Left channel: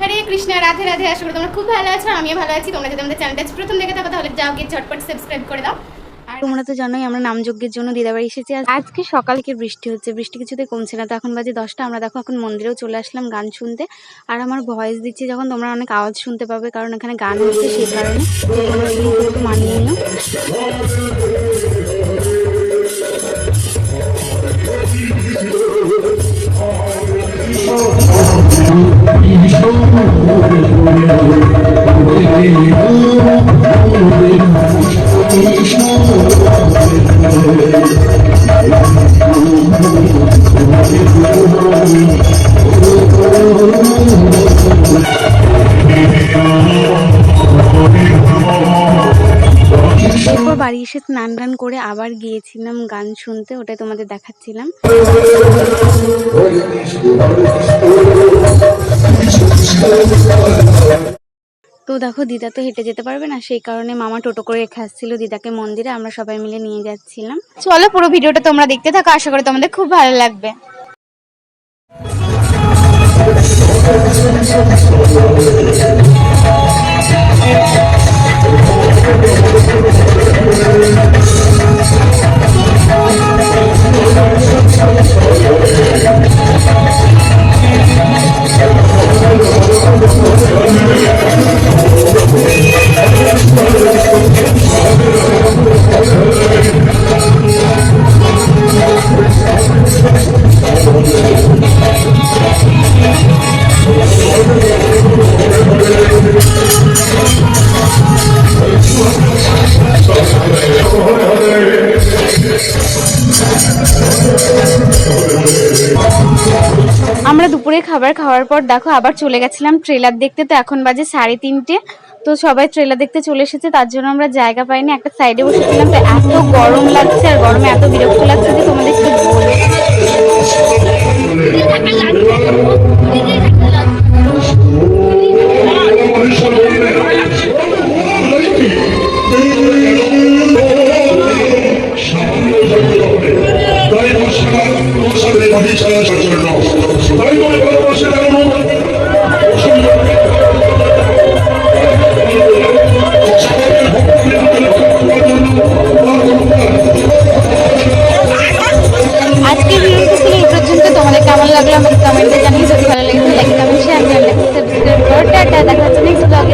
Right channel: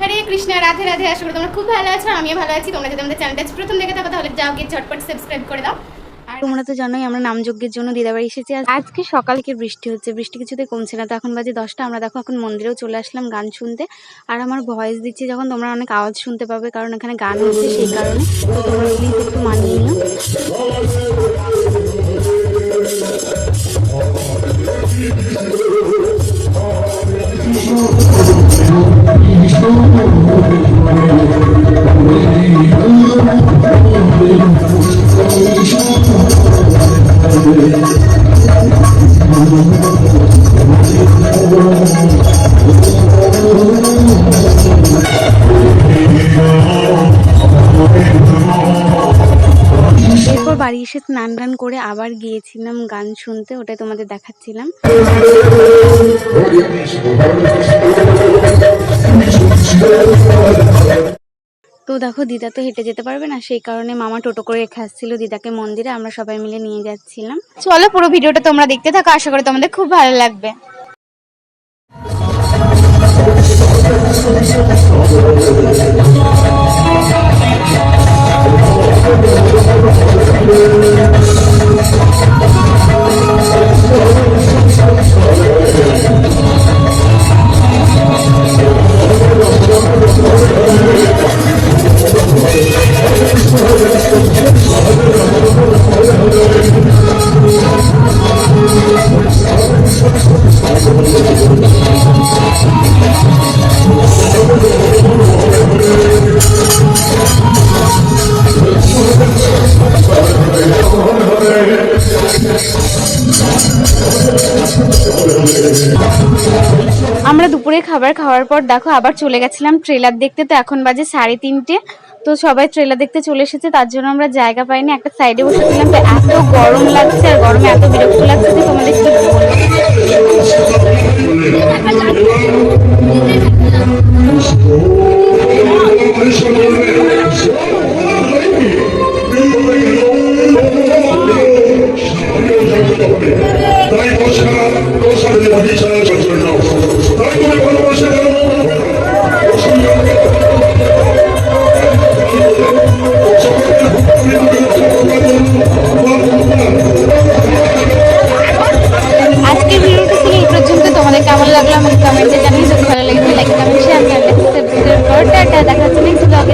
হরে কৃষ্ণ, রাধে রাধে, আশা করি তোমরা খুব ভালো আছো আমিও ভালো আছি। তোমরা যদি আমাদের চ্যানেলটা প্রথম দেখে থাকো, তাহলে যাও গিয়ে ঝটপট সাবস্ক্রাইব করে দাও। তোমরা তো জানোই আমরা নামযজ্ঞের জন্য দিদাবাড়ি এসেছি। আজকে সকালকে বৃষ্টি হচ্ছে, বৃষ্টি কিছুতে কমছে না। তো এখন বাজে দশটা, আমরা দেখো এখন মন্দিরেও চলে আসলাম গান শুনতে। আর আমার ভয়েস দিচ্ছি যখন তোমরা অনেক আওয়াজ শুনতে পাবে, কারণ এখানে গান হচ্ছে সেই কারণে। তোমরা প্লিজ একটু মানিয়ে নিও। এরপর বাড়ি এসে স্নান টান করে আবার গিয়েছিলাম গান শুনতে ওটাই তোমাদের দেখাচ্ছিলাম। তো দেখো, দিদা তো হেঁটে যেতে পারবে না, সেই কারণে মামা টোটো করে রেখে আসছিল দিদাকে মন্দিরে, আমরা সবাই মিলে নিয়ে যাচ্ছিলাম। চলো পুরো ভিডিওটা তোমরা দেখতে থাকো, আশা করি তোমাদের খুব ভালো লাগবে। আমরা দুপুরে খাবার খাওয়ার পর দেখো আবার চলে গেছিলাম ট্রেলার দেখতে, তো এখন বাজে সাড়ে তিনটে। তো সবাই ট্রেলার দেখতে চলে এসেছে, তার জন্য আমরা জায়গা পাইনি। একটা সাইডে বসেছিলাম, তো এত গরম লাগছে আর গরমে এত বিরক্ত লাগছে যে তোমাদের কি বলব তাই বসা তোমাদের কেমন লাগল আমাকে কমেন্টে জানিয়ে যদি ভালো লাগে লাইক কমেন্ট শেয়ার চ্যানেলটাকে সাবস্ক্রাইব দেখা হচ্ছে নেক্সট ব্লগে